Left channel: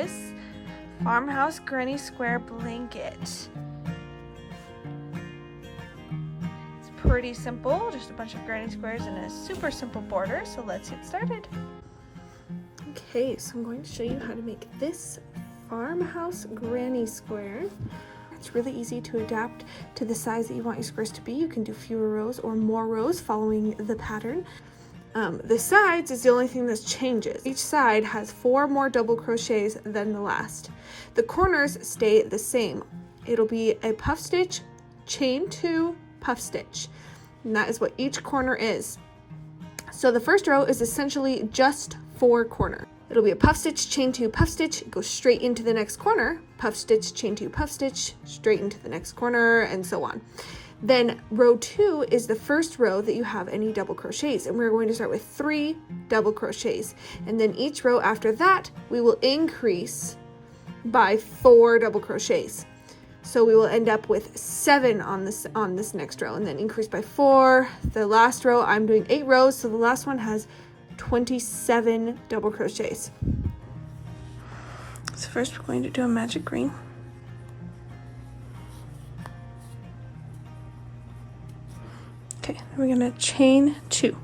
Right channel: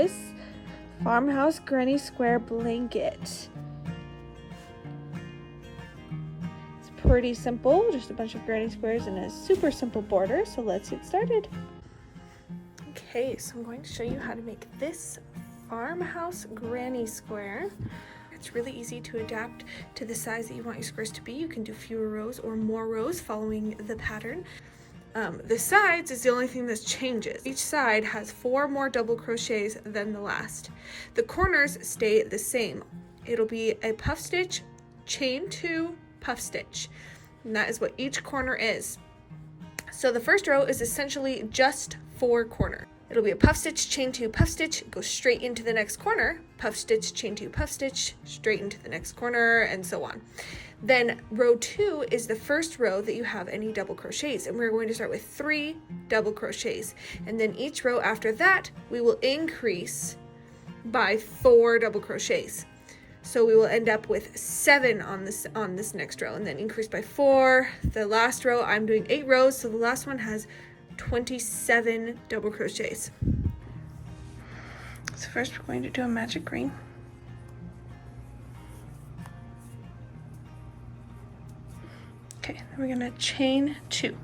this Farmhouse Granny Square blanket. It's pretty simple, just a bunch of granny squares and a super simple border, so let's get started. Okay, so I'm going to show you how to make this Farmhouse Granny Square. It's really easy to adapt to the size that you want your squares to be. You can do fewer rows or more rows following the pattern. The sides is the only thing that changes. Each side has 4 more double crochets than the last. The corners stay the same. It'll be a puff stitch, chain 2, puff stitch. And that is what each corner is. So the first row is essentially just 4 corners. It'll be a puff stitch, chain 2, puff stitch, go straight into the next corner, puff stitch, chain 2, puff stitch, straight into the next corner, and so on. Then row 2 is the first row that you have any double crochets, and we're going to start with 3 double crochets. And then each row after that, we will increase by 4 double crochets. So we will end up with 7 on this next row, and then increase by 4. The last row, I'm doing 8 rows, so the last one has 27 double crochets. So first we're going to do a magic green. Okay, then we're going to chain 2.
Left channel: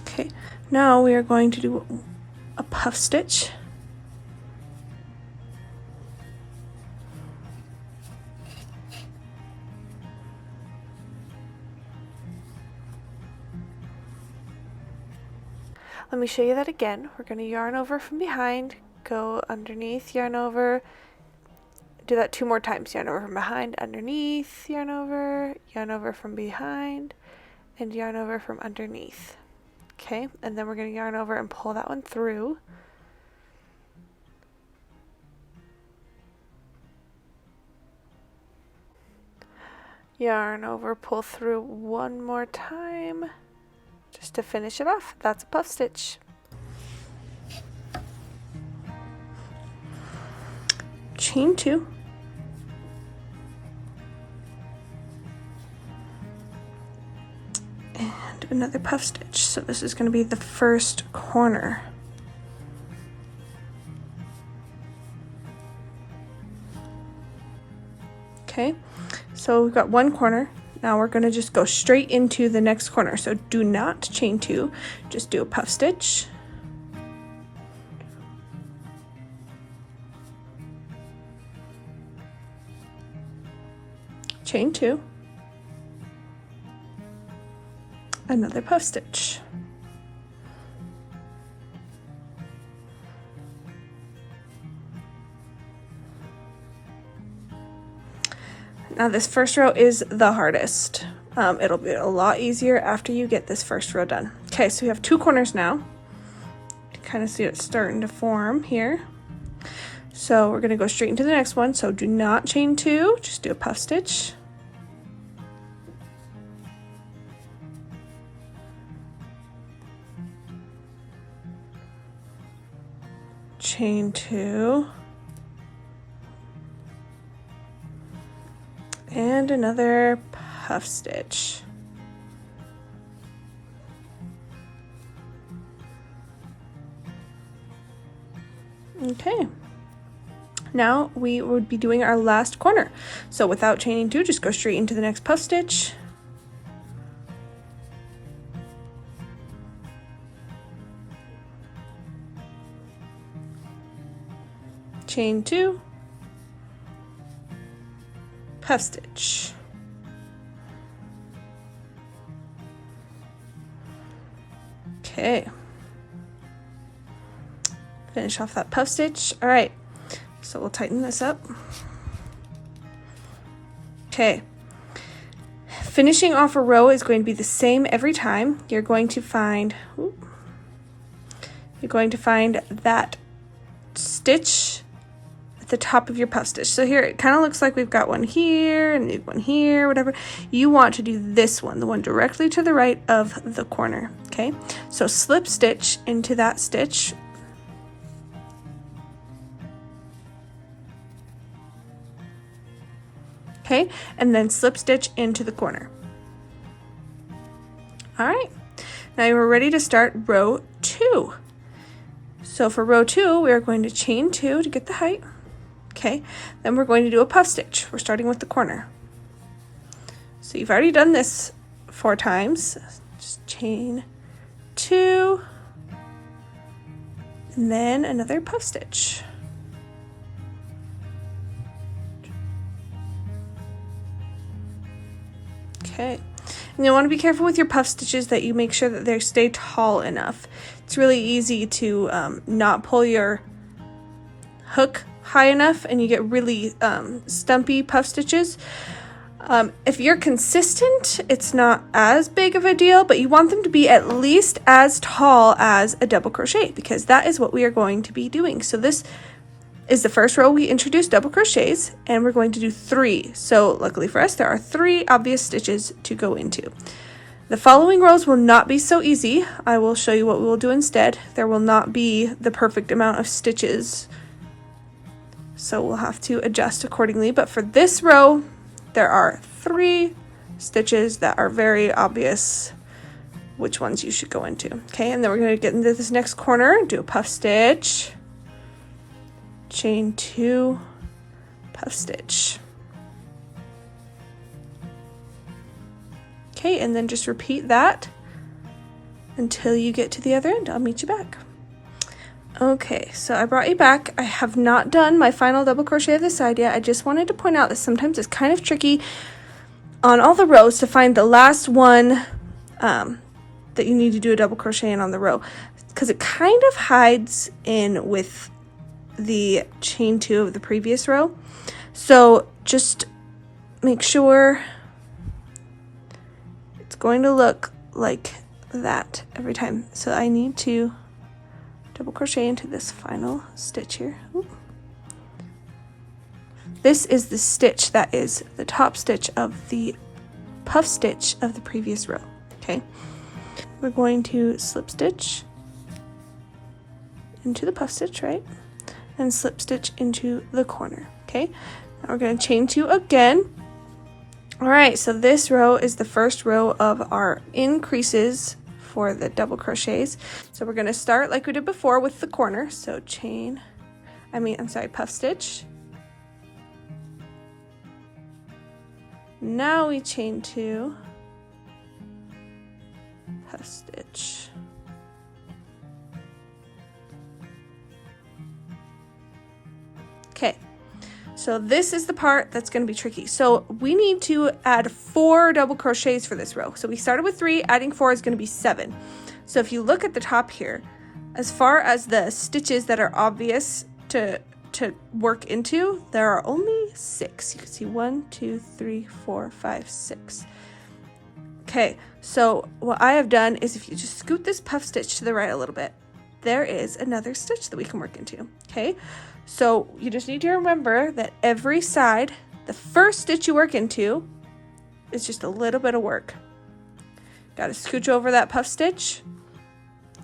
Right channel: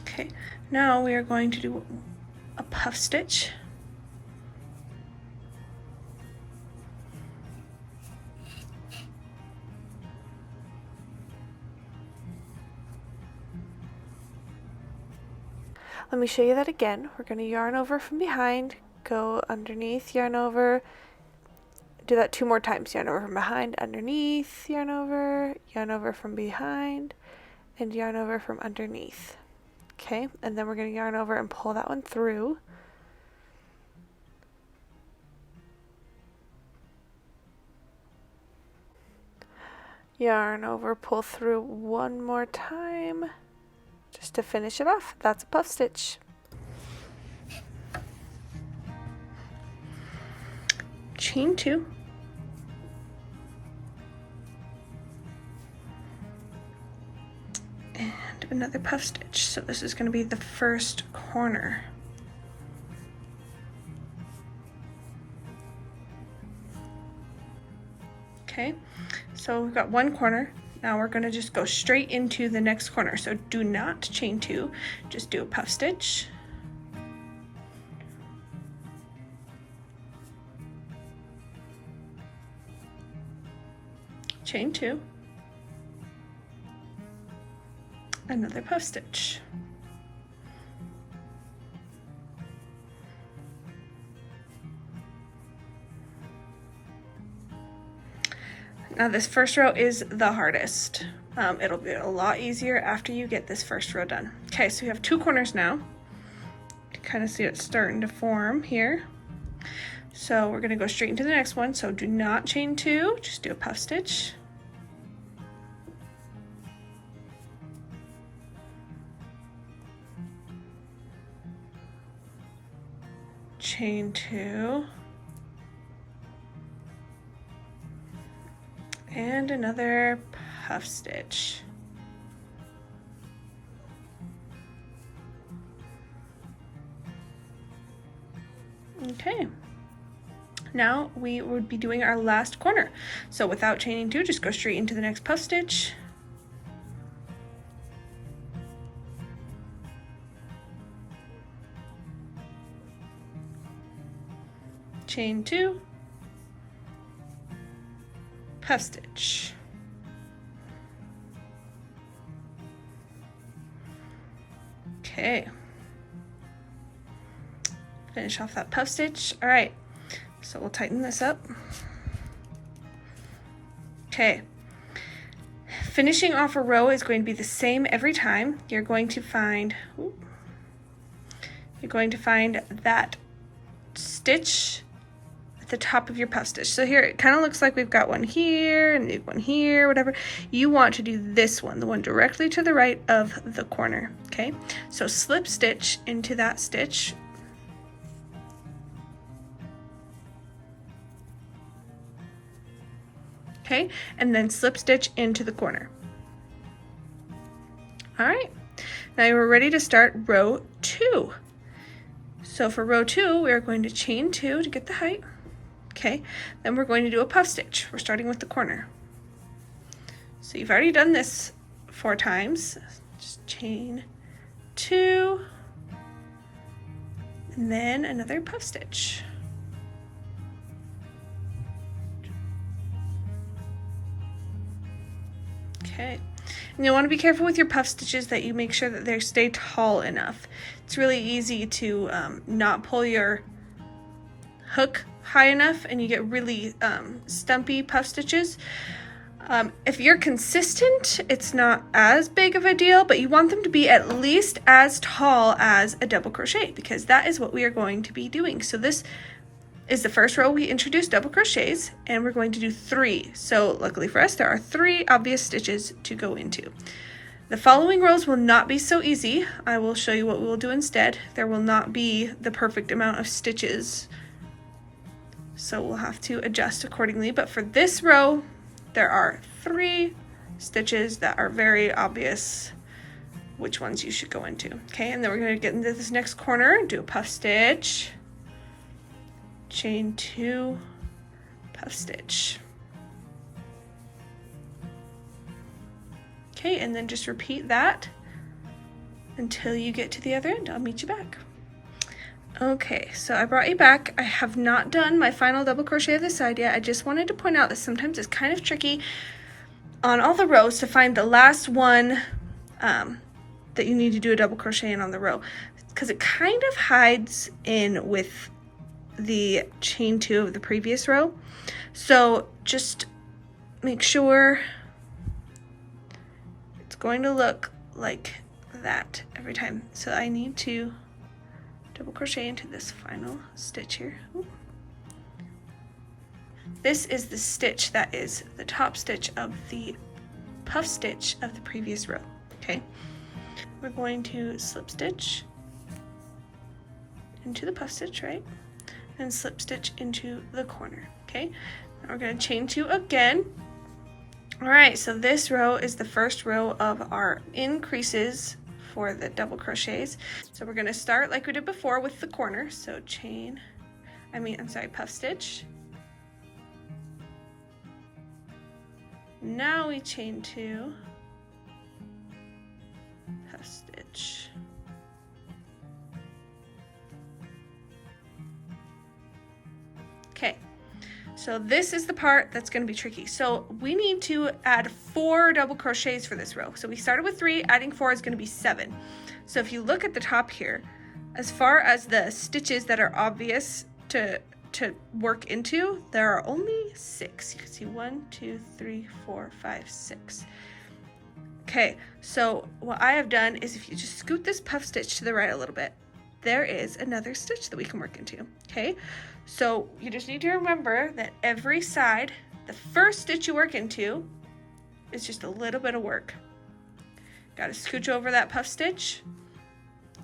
Okay, now we are going to do a puff stitch. Let me show you that again. We're going to yarn over from behind, go underneath, yarn over, do that 2 more times. Yarn over from behind, underneath, yarn over from behind, and yarn over from underneath. Okay, and then we're going to yarn over and pull that one through. Yarn over, pull through one more time. Just to finish it off. That's a puff stitch. Chain 2. And another puff stitch. So this is going to be the first corner. Okay, so we've got 1 corner. Now we're going to just go straight into the next corner. So do not chain 2, just do a puff stitch. Chain 2. Another puff stitch. Now this first row is the hardest. It'll be a lot easier after you get this first row done. Okay, so we have 2 corners now. You kind of see it starting to form here. So we're going to go straight into the next one. So do not chain 2, just do a puff stitch. Chain 2. And another puff stitch. Okay, now we would be doing our last corner. So without chaining 2, just go straight into the next puff stitch. Chain 2. Puff stitch. Okay. Finish off that puff stitch. All right, so we'll tighten this up. Okay. Finishing off a row is going to be the same every time. You're going to find that stitch at the top of your puff stitch. So here it kind of looks like we've got one here and one here, whatever. You want to do this one, the one directly to the right of the corner. Okay, so slip stitch into that stitch. Okay, and then slip stitch into the corner. All right, now you're ready to start row 2. So for row 2, we are going to chain 2 to get the height. Okay, then we're going to do a puff stitch. We're starting with the corner. So you've already done this 4 times. Just chain 2, and then another puff stitch. Okay, and you'll want to be careful with your puff stitches that you make sure that they stay tall enough. It's really easy to not pull your hook high enough and you get really stumpy puff stitches. If you're consistent, it's not as big of a deal, but you want them to be at least as tall as a double crochet, because that is what we are going to be doing. So this is the first row we introduced double crochets, and we're going to do 3. So luckily for us, there are 3 obvious stitches to go into. The following rows will not be so easy. I will show you what we will do instead. There will not be the perfect amount of stitches, so we'll have to adjust accordingly. But for this row, there are 3 stitches that are very obvious which ones you should go into. Okay, and then we're going to get into this next corner, do a puff stitch, chain 2, puff stitch. Okay, and then just repeat that until you get to the other end. I'll meet you back. Okay, so I brought you back. I have not done my final double crochet of the side yet. I just wanted to point out that sometimes it's kind of tricky on all the rows to find the last one that you need to do a double crochet in on the row, because it kind of hides in with the chain 2 of the previous row. So just make sure it's going to look like that every time. So I need to double crochet into this final stitch here. Ooh. This is the stitch that is the top stitch of the puff stitch of the previous row. Okay, we're going to slip stitch into the puff stitch, right, and slip stitch into the corner. Okay, now we're going to chain 2 again. All right, so this row is the first row of our increases for the double crochets. So we're going to start like we did before with the corner. So puff stitch. Now we chain 2, puff stitch. Okay, so this is the part that's going to be tricky. So we need to add 4 double crochets for this row. So we started with 3, adding 4 is going to be 7. So if you look at the top here, as far as the stitches that are obvious to work into, there are only 6. You can see 1, 2, 3, 4, 5, 6. Okay, so what I have done is if you just scoot this puff stitch to the right a little bit, there is another stitch that we can work into. Okay, so you just need to remember that every side, the first stitch you work into is just a little bit of work. Got to scooch over that puff stitch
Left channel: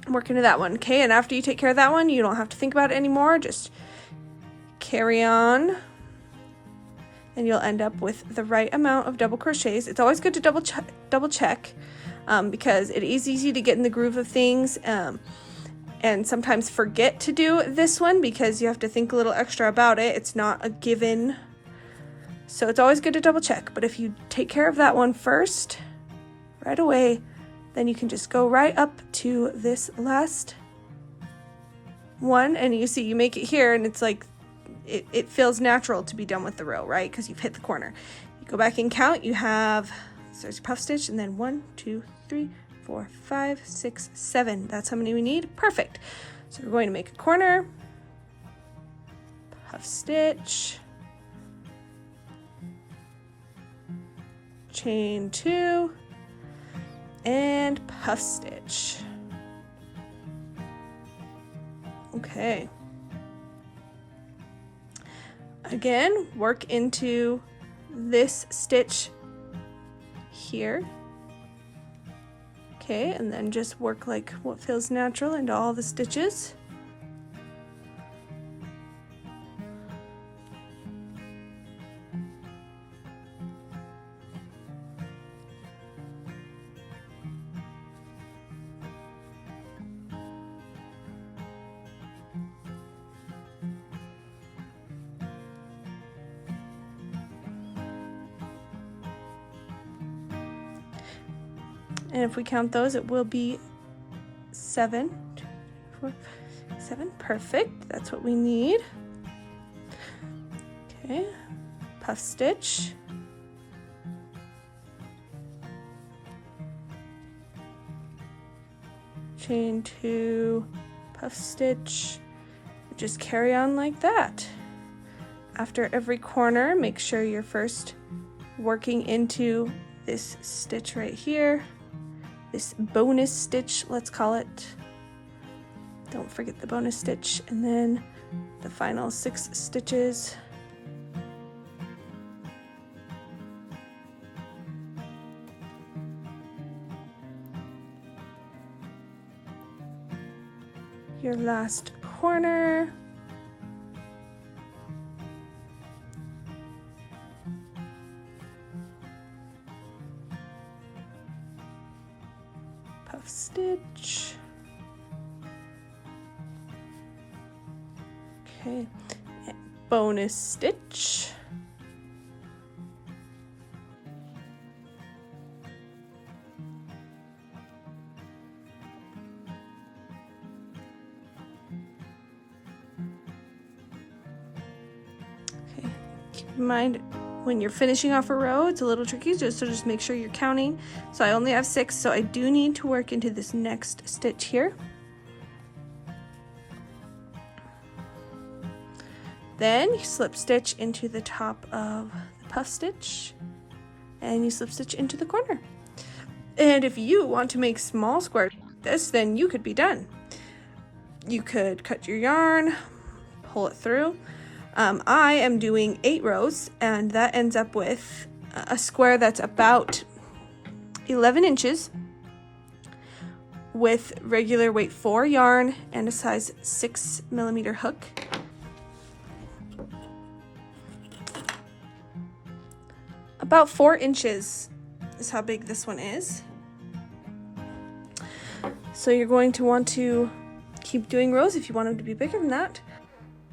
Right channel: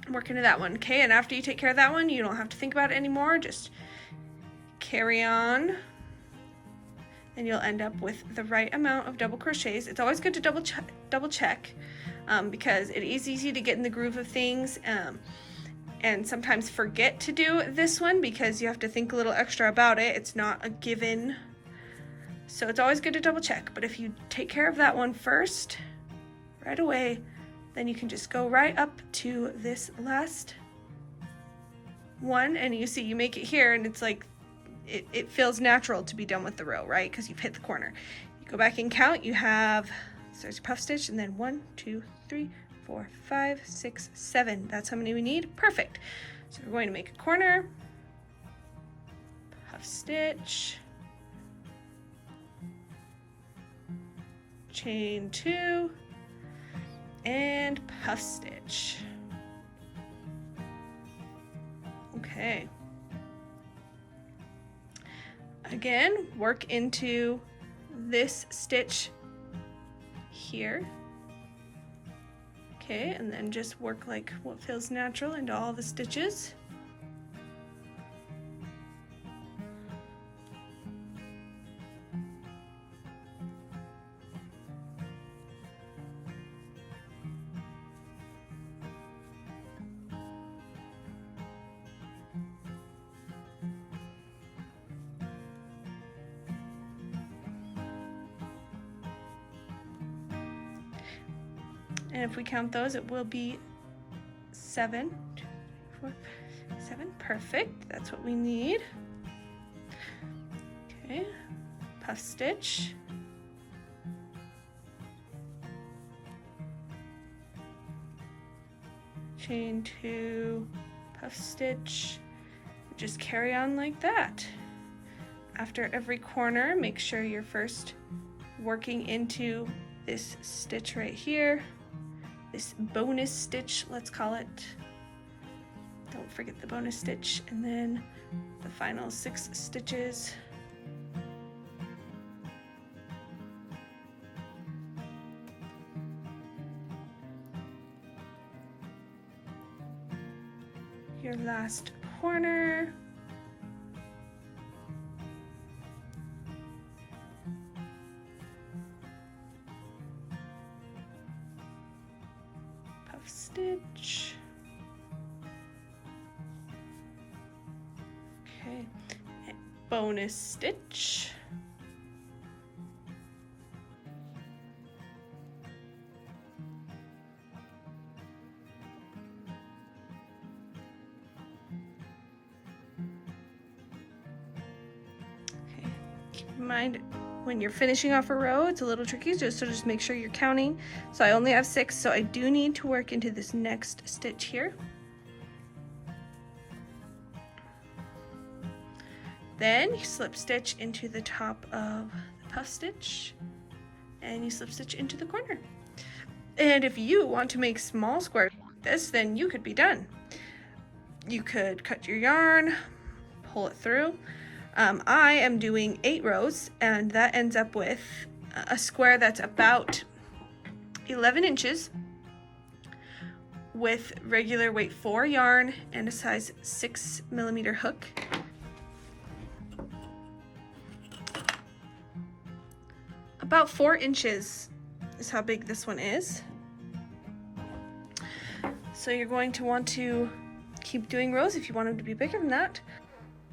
and work into that one. Okay, and after you take care of that one, you don't have to think about it anymore. Just carry on, and you'll end up with the right amount of double crochets. It's always good to double check because it is easy to get in the groove of things and sometimes forget to do this one because you have to think a little extra about it. It's not a given, so it's always good to double check. But if you take care of that one first right away, then you can just go right up to this last one, and you see you make it here, and it's like it feels natural to be done with the row, right? Because you've hit the corner. You go back and count. You have, so there's a puff stitch, and then 1, 2, 3, 4, 5, 6, 7. That's how many we need. Perfect. So we're going to make a corner, puff stitch, chain 2, and puff stitch. Okay. Again, work into this stitch here. Okay, and then just work like what feels natural into all the stitches. And if we count those, it will be 7. 4, 7, perfect. That's what we need. Okay, puff stitch. Chain 2, puff stitch. Just carry on like that. After every corner, make sure you're first working into this stitch right here, this bonus stitch, let's call it. Don't forget the bonus stitch, and then the final 6 stitches. Your last corner. Puff stitch. Okay, and bonus stitch. Keep in mind, when you're finishing off a row, it's a little tricky, so just make sure you're counting. So I only have 6, so I do need to work into this next stitch here. Then you slip stitch into the top of the puff stitch, and you slip stitch into the corner. And if you want to make small squares like this, then you could be done. You could cut your yarn, pull it through. I am doing 8 rows, and that ends up with a square that's about 11 inches with regular weight 4 yarn and a size 6mm hook. About 4 inches is how big this one is. So you're going to want to keep doing rows if you want them to be bigger than that.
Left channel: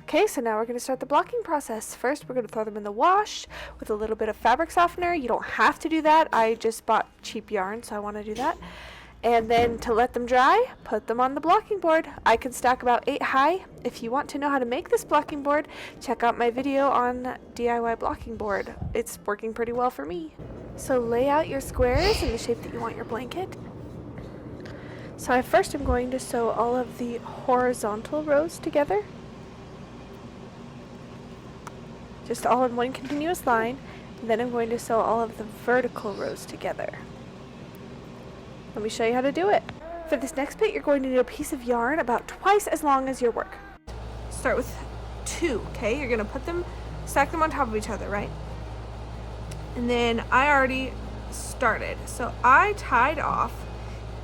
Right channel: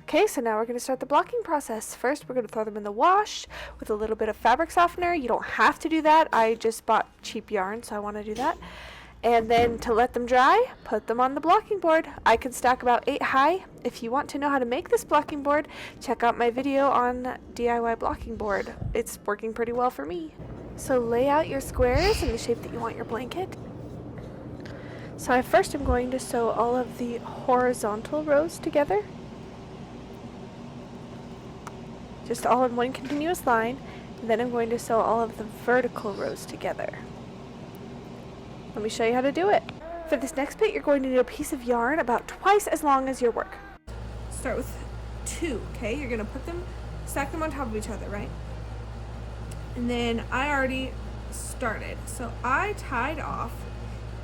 Okay, so now we're going to start the blocking process. First, we're going to throw them in the wash with a little bit of fabric softener. You don't have to do that. I just bought cheap yarn, so I want to do that. And then to let them dry, put them on the blocking board. I can stack about 8 high. If you want to know how to make this blocking board, check out my video on DIY blocking board. It's working pretty well for me. So lay out your squares in the shape that you want your blanket. So I first am going to sew all of the horizontal rows together, just all in one continuous line, and then I'm going to sew all of the vertical rows together. Let me show you how to do it. For this next bit, you're going to need a piece of yarn about twice as long as your work. Start with 2, okay? You're gonna put them, stack them on top of each other, right? And then I already started. So I tied off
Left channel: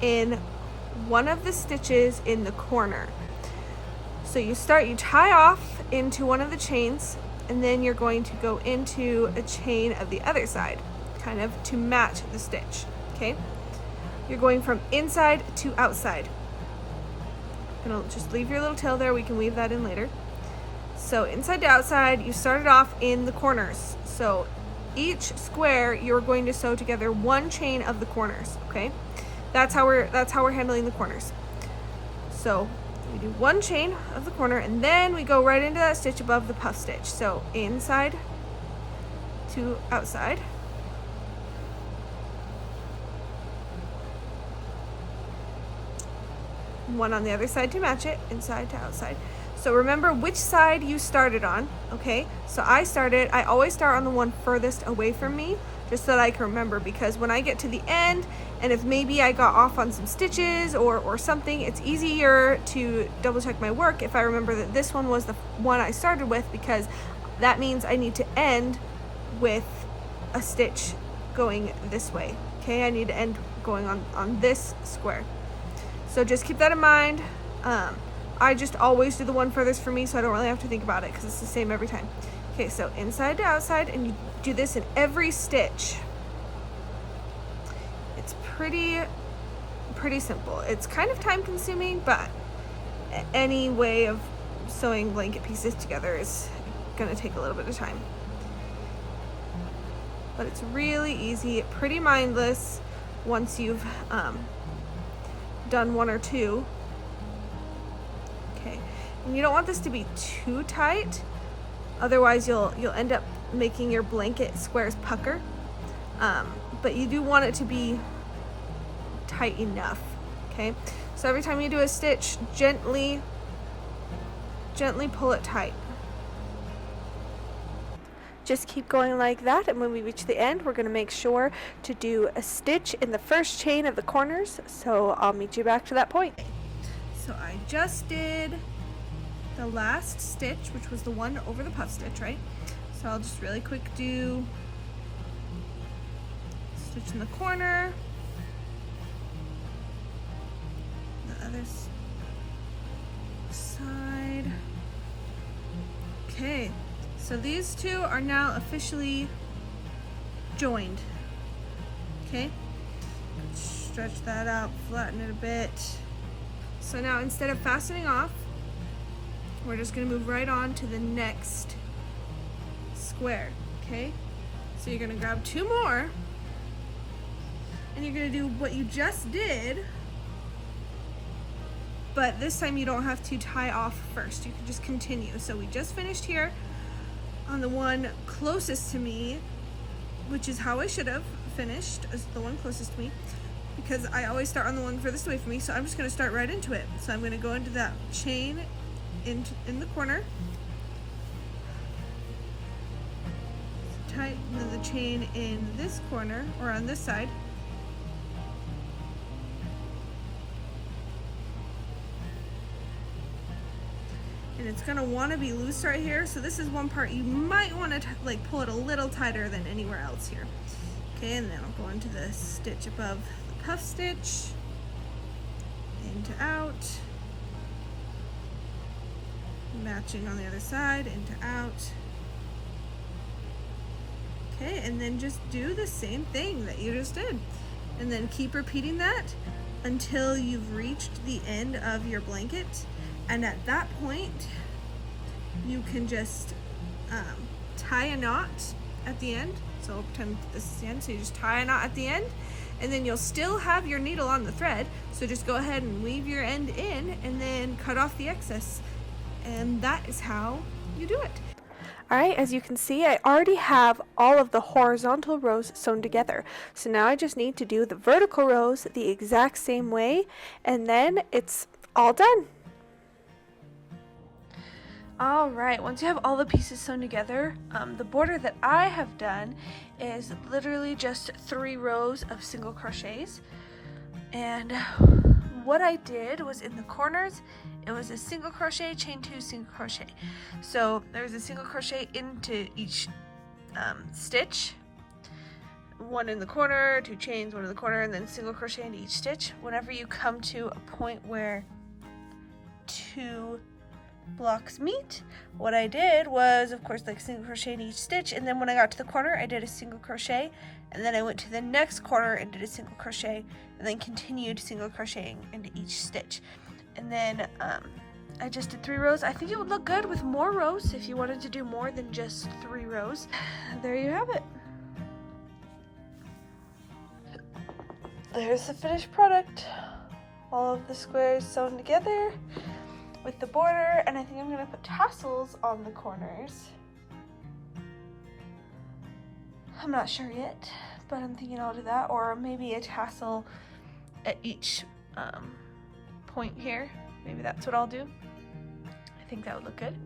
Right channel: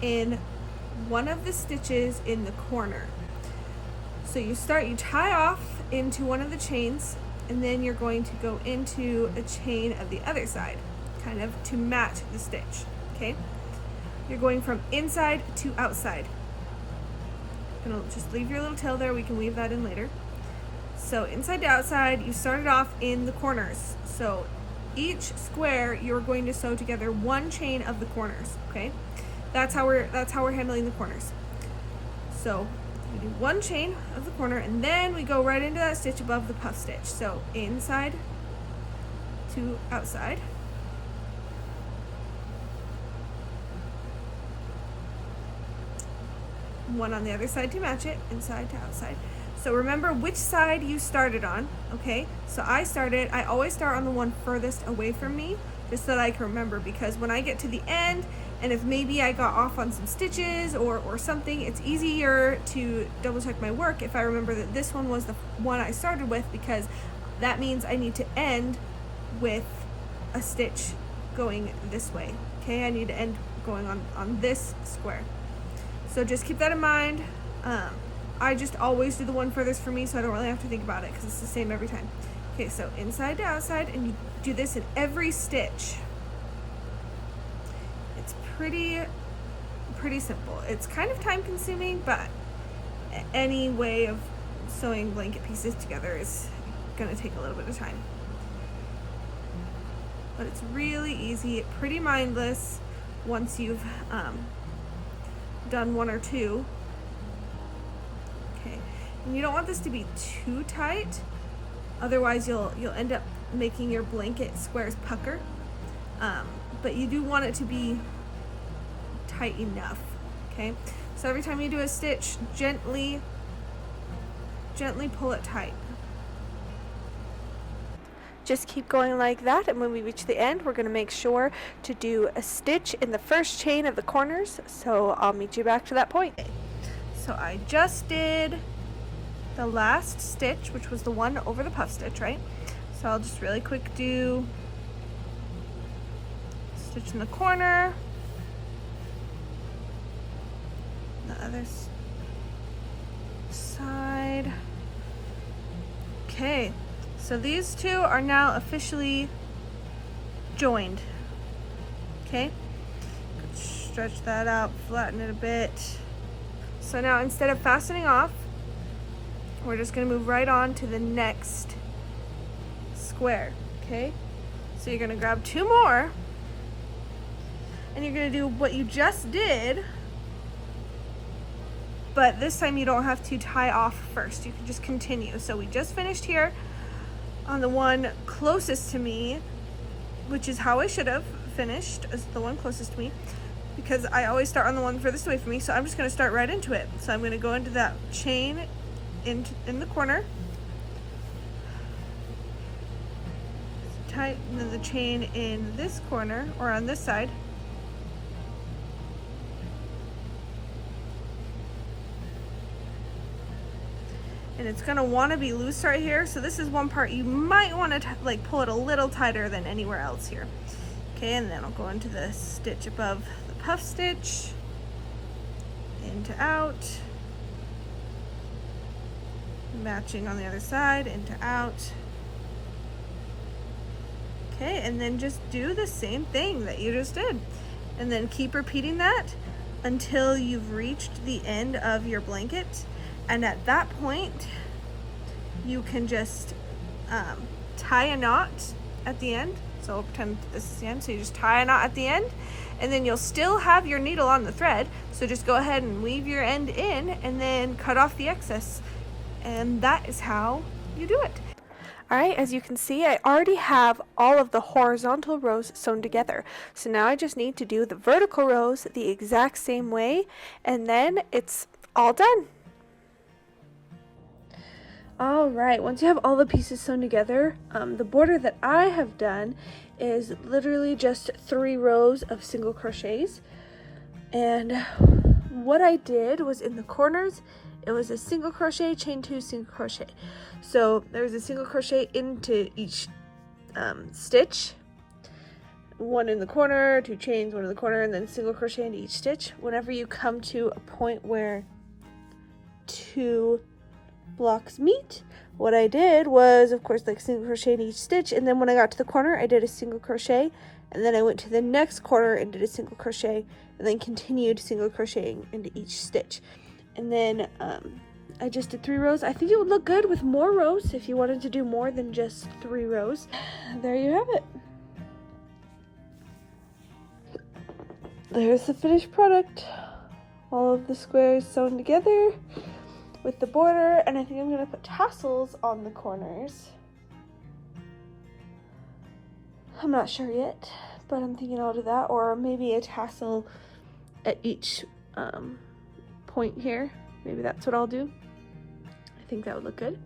in one of the stitches in the corner. So you tie off into one of the chains, and then you're going to go into a chain of the other side, kind of to match the stitch, okay? You're going from inside to outside. And I'll just leave your little tail there, we can weave that in later. So inside to outside, you started off in the corners. So each square, you're going to sew together 1 chain of the corners, okay? That's how we're handling the corners. So we do 1 chain of the corner, and then we go right into that stitch above the puff stitch. So inside to outside. One on the other side to match it, inside to outside. So remember which side you started on, okay? So I always start on the one furthest away from me, just so that I can remember, because when I get to the end, and if maybe I got off on some stitches or something, it's easier to double check my work if I remember that this one was the one I started with, because that means I need to end with a stitch going this way, okay? I need to end going on this square. So just keep that in mind. I just always do the one furthest for me, so I don't really have to think about it because it's the same every time. Okay, so inside to outside, and you do this in every stitch. It's pretty simple. It's kind of time consuming, but any way of sewing blanket pieces together is gonna take a little bit of time. But it's really easy, pretty mindless. once you've done one or two. Okay, and you don't want this to be too tight, otherwise you'll end up making your blanket squares pucker. But you do want it to be tight enough. Okay, so every time you do a stitch, gently pull it tight. Just keep going like that, and when we reach the end, we're going to make sure to do a stitch in the first chain of the corners. So I'll meet you back to that point. So I just did the last stitch, which was the one over the puff stitch, right? So I'll just really quick do stitch in the corner, the other side. Okay, so these two are now officially joined. Okay, stretch that out, flatten it a bit. So now instead of fastening off, we're just gonna move right on to the next square. Okay, so you're gonna grab two more, and you're gonna do what you just did, but this time you don't have to tie off first. You can just continue. So we just finished here on the one closest to me, which is how I should have finished, as the one closest to me, because I always start on the one furthest away from me. So I'm just gonna start right into it. So I'm gonna go into that chain in the corner, tight, and then the chain in this corner, or on this side. And it's gonna wanna be loose right here. So this is one part you might wanna like pull it a little tighter than anywhere else here. Okay, and then I'll go into the stitch above the puff stitch, into out, matching on the other side, into out. Okay, and then just do the same thing that you just did. And then keep repeating that until you've reached the end of your blanket. And at that point, you can just tie a knot at the end. So I'll pretend this is the end. So you just tie a knot at the end, and then you'll still have your needle on the thread. So just go ahead and weave your end in and then cut off the excess. And that is how you do it. All right, as you can see, I already have all of the horizontal rows sewn together. So now I just need to do the vertical rows the exact same way, and then it's all done. All right, once you have all the pieces sewn together, the border that I have done is literally just 3 rows of single crochets. And what I did was in the corners, it was a single crochet, chain 2, single crochet. So there's a single crochet into each stitch, 1 in the corner, 2 chains, 1 in the corner, and then single crochet into each stitch. Whenever you come to a point where 2 blocks meet, what I did was, of course, like single crochet in each stitch, and then when I got to the corner, I did a single crochet, and then I went to the next corner and did a single crochet, and then continued single crocheting into each stitch. And then I just did 3 rows. I think it would look good with more rows if you wanted to do more than just 3 rows. There you have it. There's the finished product. All of the squares sewn together with the border, and I think I'm going to put tassels on the corners. I'm not sure yet, but I'm thinking I'll do that, or maybe a tassel at each point here. Maybe that's what I'll do. I think that would look good.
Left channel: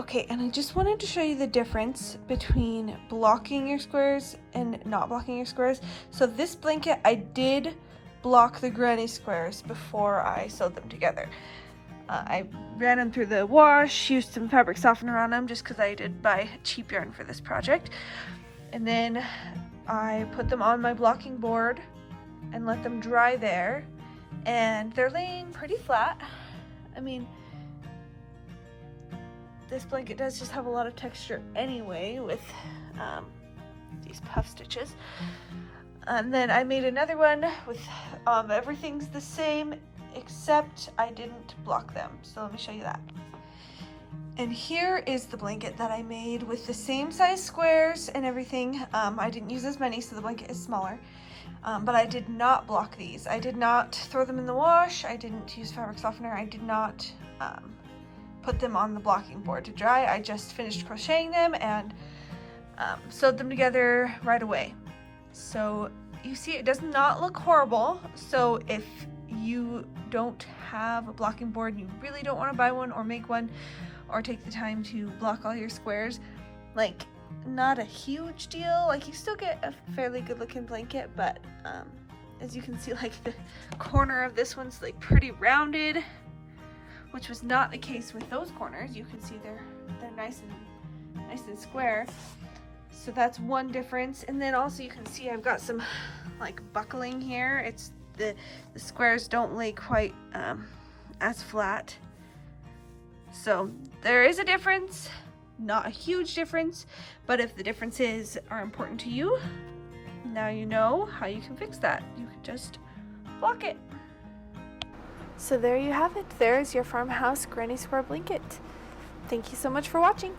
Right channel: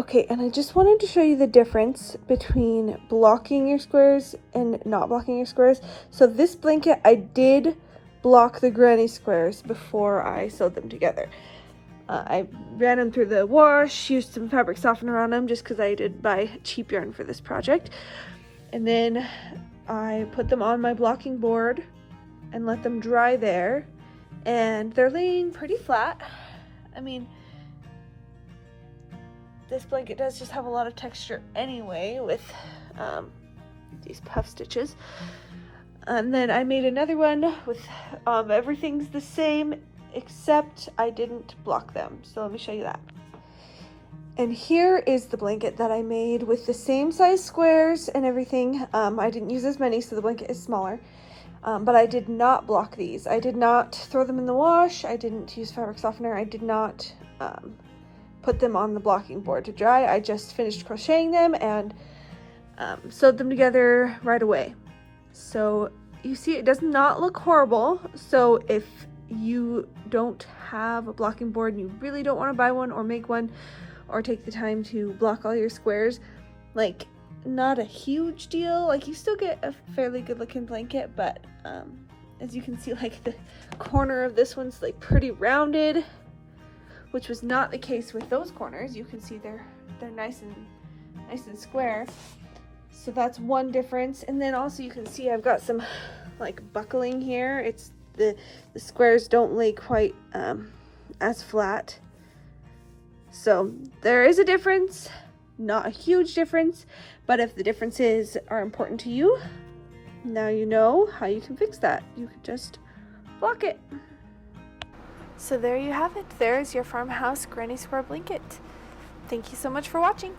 Okay, and I just wanted to show you the difference between blocking your squares and not blocking your squares. So this blanket, I did block the granny squares before I sewed them together. I ran them through the wash, used some fabric softener on them just because I did buy cheap yarn for this project. And then I put them on my blocking board and let them dry there. And they're laying pretty flat. I mean, this blanket does just have a lot of texture anyway with these puff stitches. And then I made another one with everything's the same except I didn't block them. So let me show you that. And here is the blanket that I made with the same size squares and everything. I didn't use as many, so the blanket is smaller. But I did not block these. I did not throw them in the wash. I didn't use fabric softener. I did not put them on the blocking board to dry. I just finished crocheting them and sewed them together right away. So you see it does not look horrible. So if you don't have a blocking board and you really don't want to buy one or make one or take the time to block all your squares, like, not a huge deal. Like, you still get a fairly good looking blanket, but as you can see, like, the corner of this one's like pretty rounded, which was not the case with those corners. You can see they're nice and square. So that's one difference. And then also you can see I've got some like buckling here. It's the squares don't lay quite as flat. So there is a difference, not a huge difference, but if the differences are important to you, now you know how you can fix that. You can just block it. So there you have it. There's your Farmhouse Granny Square blanket. Thank you so much for watching.